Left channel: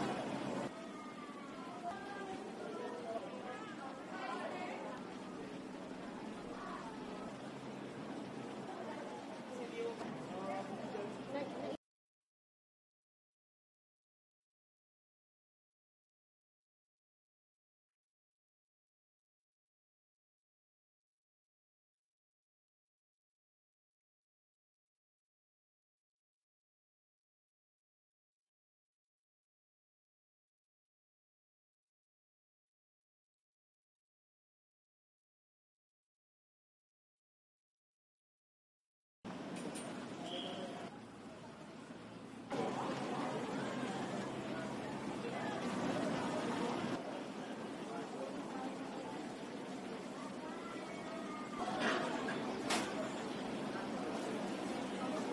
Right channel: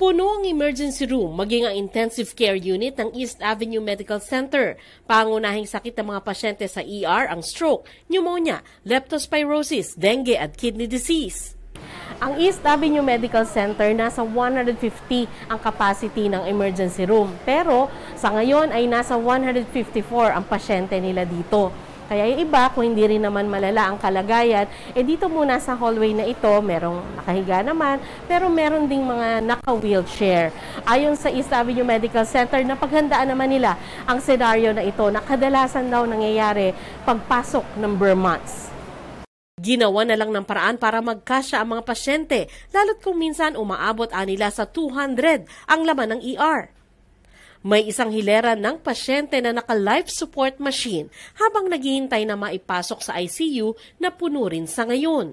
Puno ang emergency room, maging ang intensive care unit ng East Avenue Medical Center. Pangunahing sakit ng mga pasyente sa ER ang stroke, pneumonia, leptospirosis, dengue at kidney disease. Ang East Avenue Medical Center nasa 150 ang capacity ng emergency room. Pero sa ngayon ay nasa 154 ang pasyente nila dito. Kaya yung iba, kung hindi rin naman malala ang kalagayan, dito muna sa hallway na ito, merong nakahiga naman, pero meron ding mga naka-wheelchair. Ayon sa East Avenue Medical Center, napaghandaan naman nila ang senaryo na ito na kadalasan daw nangyayari pagpasok ng bare months. Ginawa na lang ng paraan para magkasya ang mga pasyente, lalo't kung minsan umaabot nila sa 200 ang laman ng ER. May isang hilera ng pasyente na naka-life support machine habang naghihintay na maipasok sa ICU na puno rin sa ngayon.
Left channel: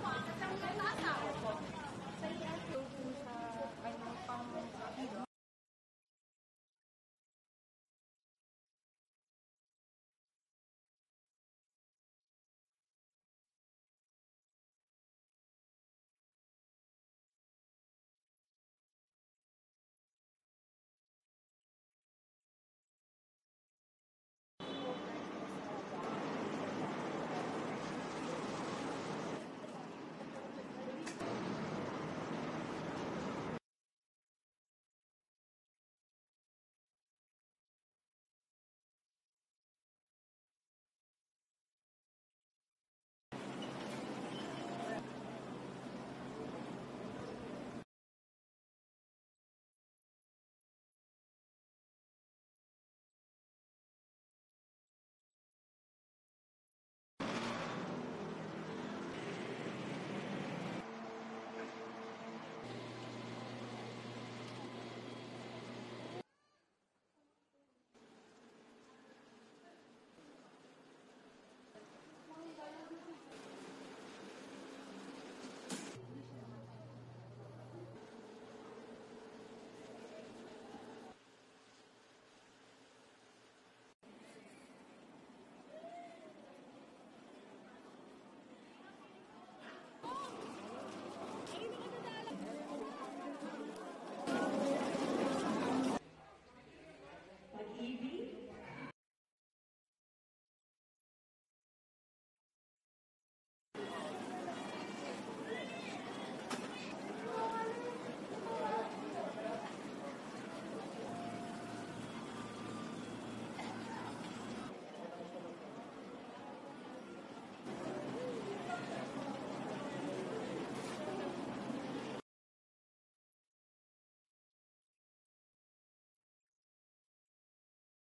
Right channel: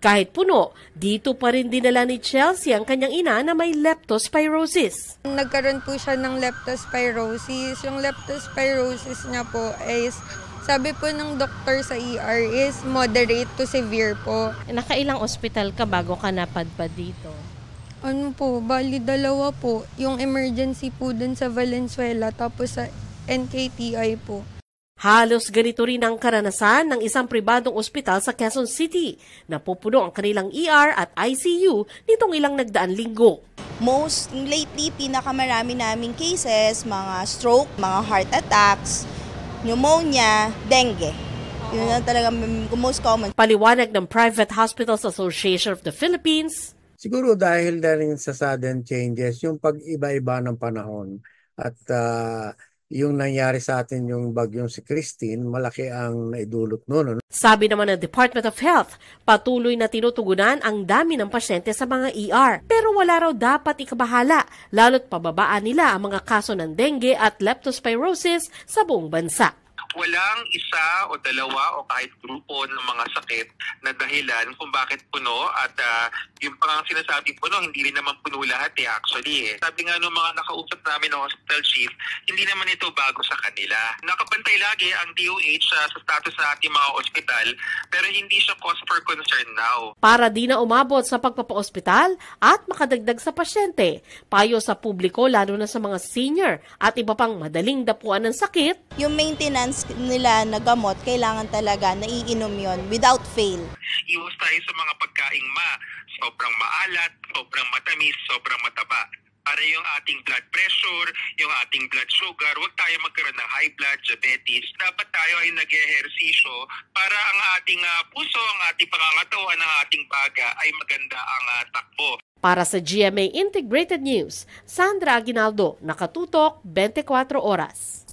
Kahit puno, dito pa rin dinala ni Chelsea ang kanyang ina na may leptospirosis. Nagkaroon po siya ng leptospirosis. Yung leptospirosis niya po is, sabi po ng doktor sa ER is moderate to severe po. Nakailang ospital ka bago ka napadpad dito? Ano po, bali dalawa po. Yung emergency po dun sa Valenzuela tapos sa NKTI po. Halos ganito rin ang karanasan ng isang pribadong ospital sa Quezon City. Napupuno ang kanilang ER at ICU nitong ilang nagdaang linggo. Most lately, pinakamarami naming cases, mga stroke, mga heart attacks, pneumonia, dengue. Yun ang talaga most common. Paliwanag ng Private Hospitals Association of the Philippines, siguro dahil na rin sa sudden changes, yung pag-iba-iba ng panahon at yung nangyari sa atin yung bagyong si Christine, malaki ang naidulot noon. Sabi naman ng Department of Health, patuloy na tinutugunan ang dami ng pasyente sa mga ER. Pero wala raw dapat ikabahala, lalo't pababaan nila ang mga kaso ng dengue at leptospirosis sa buong bansa. Walang isa o dalawa o kahit grupo ng mga sakit na dahilan kung bakit puno at yung parang sinasabi puno, hindi rin naman puno lahat actually. Sabi nga ng mga nakausap namin ng hospital chief, hindi naman ito bago sa kanila. Nakabantay lagi ang DOH sa status ng ating mga ospital pero hindi siya cause for concern now. Para di na umabot sa pagpapa-ospital at makadagdag sa pasyente, payo sa publiko lalo na sa mga senior at iba pang madaling dapuan ng sakit. Yung maintenance nila na gamot, kailangan talaga naiinom yon without fail. Iwas tayo sa mga pagkaing sobrang maalat, sobrang matamis, sobrang mataba. Para yung ating blood pressure, yung ating blood sugar, huwag tayo magkaroon ng high blood, diabetes. Dapat tayo ay nag-ehersisyo para ang ating puso, ang ating pangangatawan, ang ating baga ay maganda ang takbo. Para sa GMA Integrated News, Sandra Aguinaldo, Nakatutok, 24 Oras.